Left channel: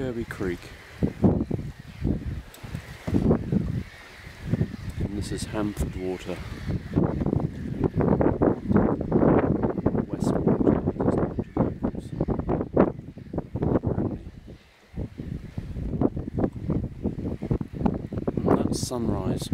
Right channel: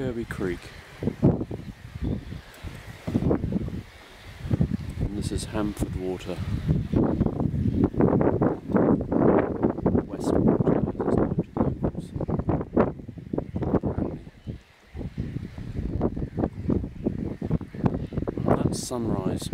Kirby Creek. And this is Hamford water. West water, as it's known to locals. Apparently. And that's sunrise.